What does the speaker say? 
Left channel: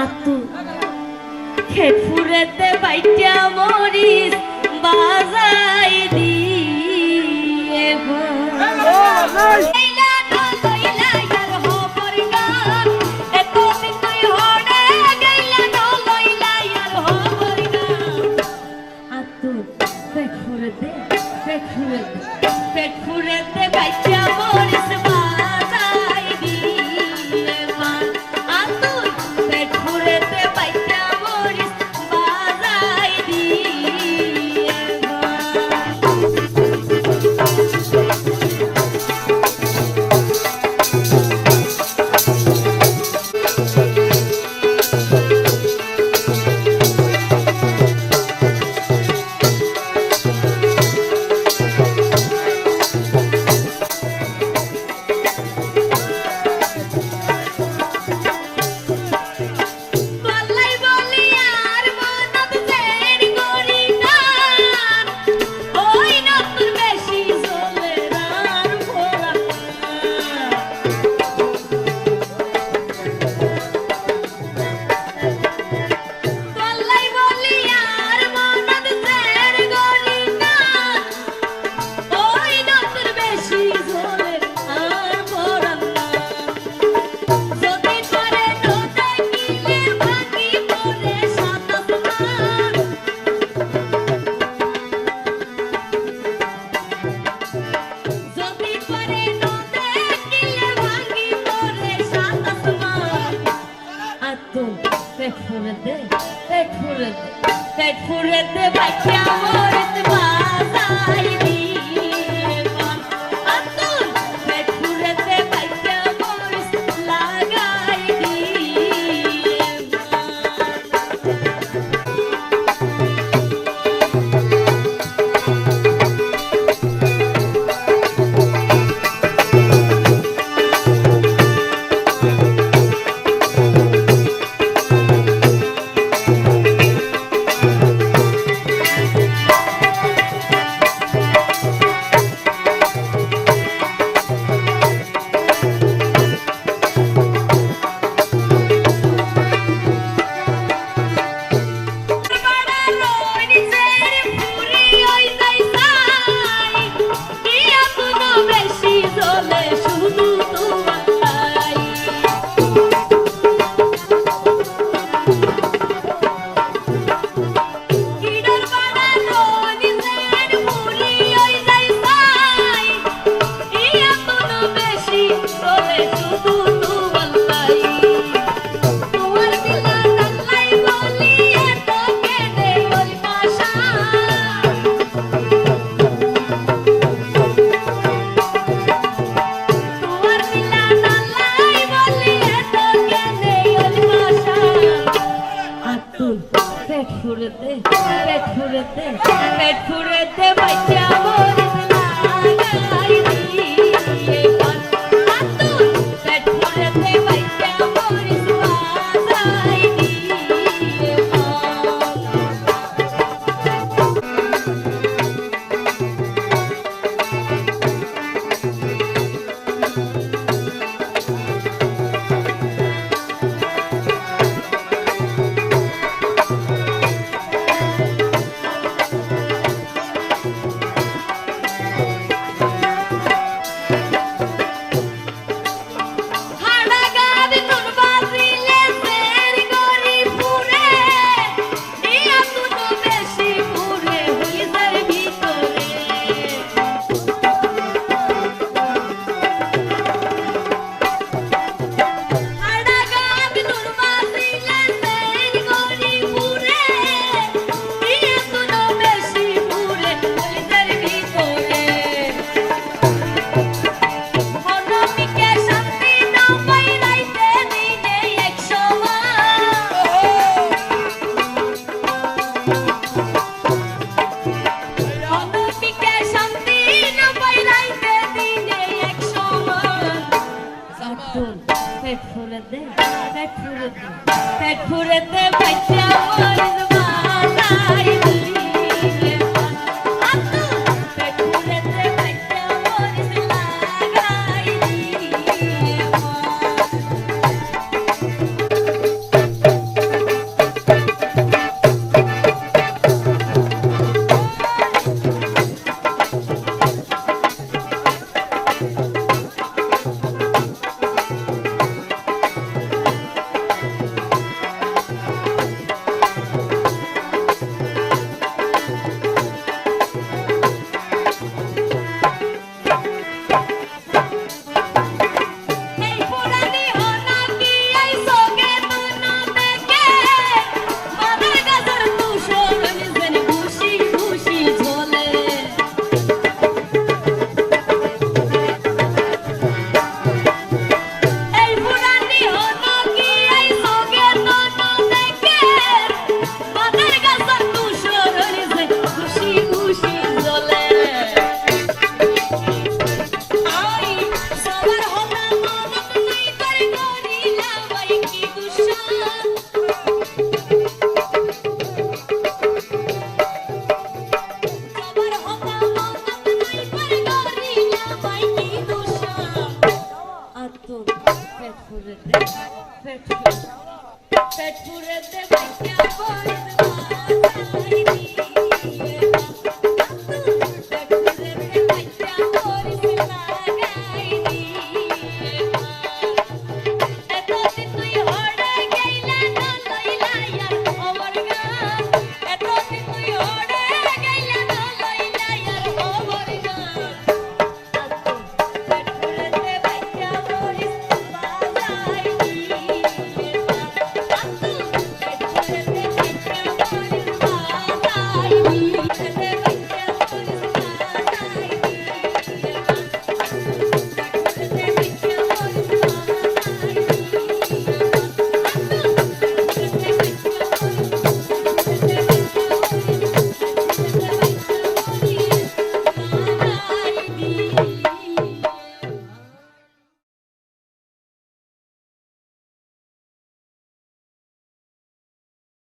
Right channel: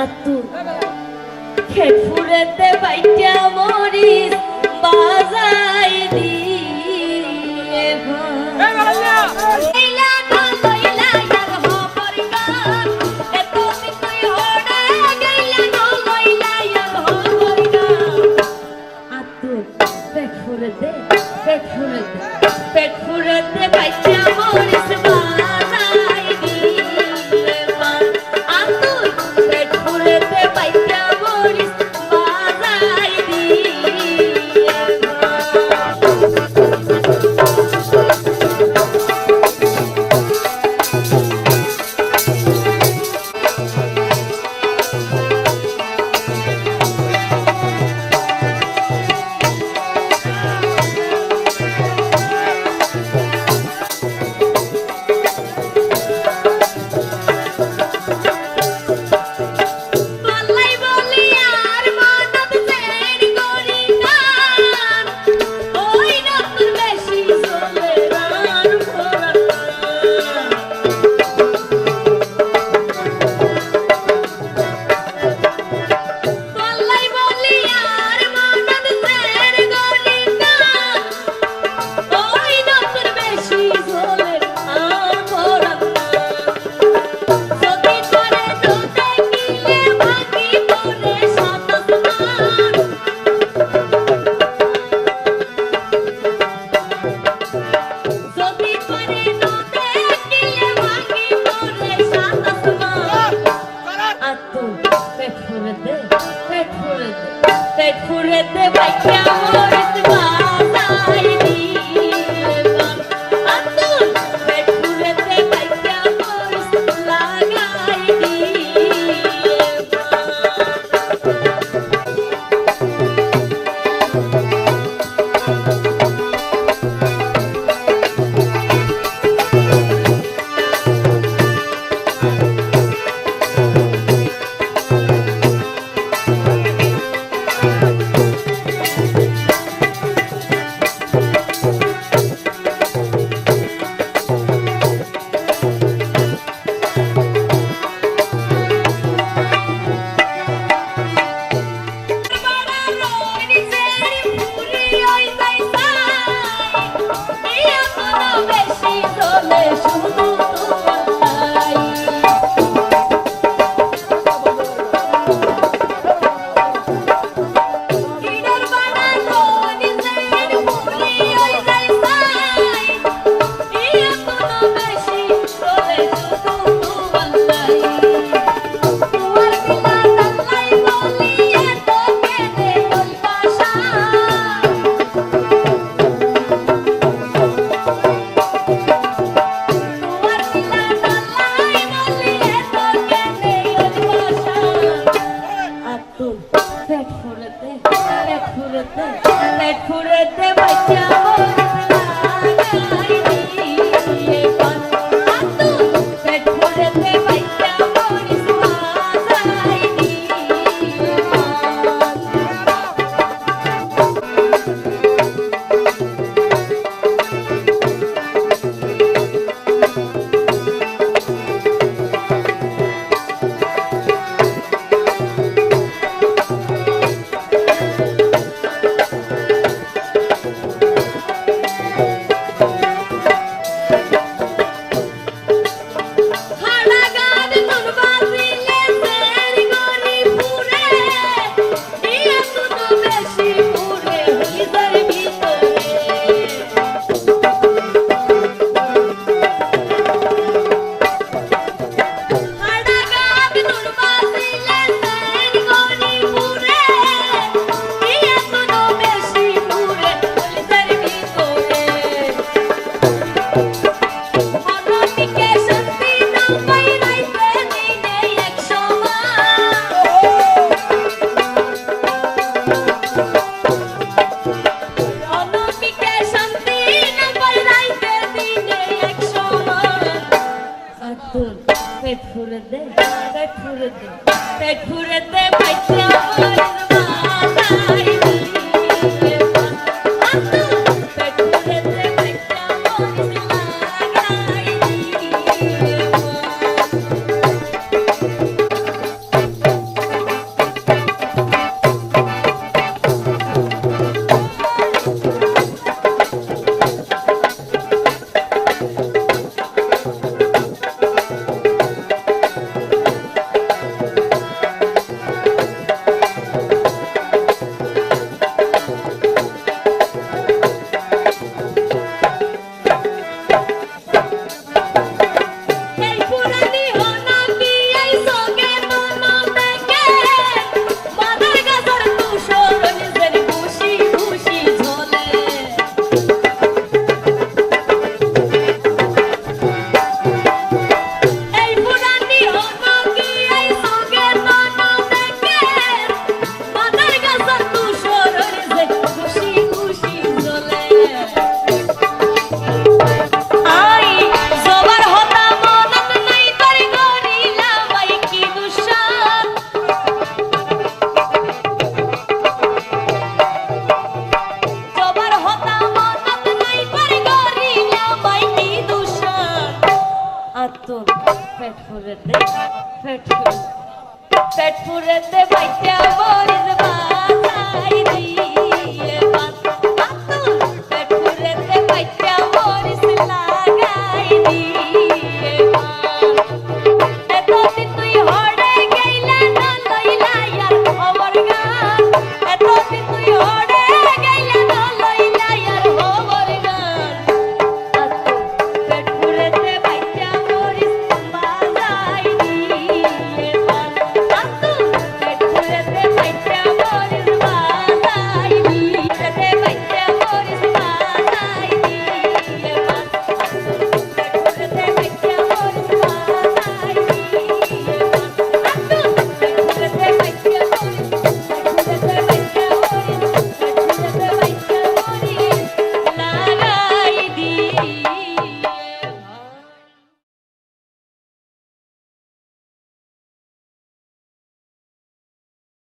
আতু। খেট ফুরেতে বাইটা Morris বাজাই দিয়ে তুল পেট ফুলেতে পেট ফুলেতে পেট ফুলেতে বাচ্চা dur pek fırladı pek fırladı pek fırladı pek fırladı ফুরেতে পেট ফুরে- পেট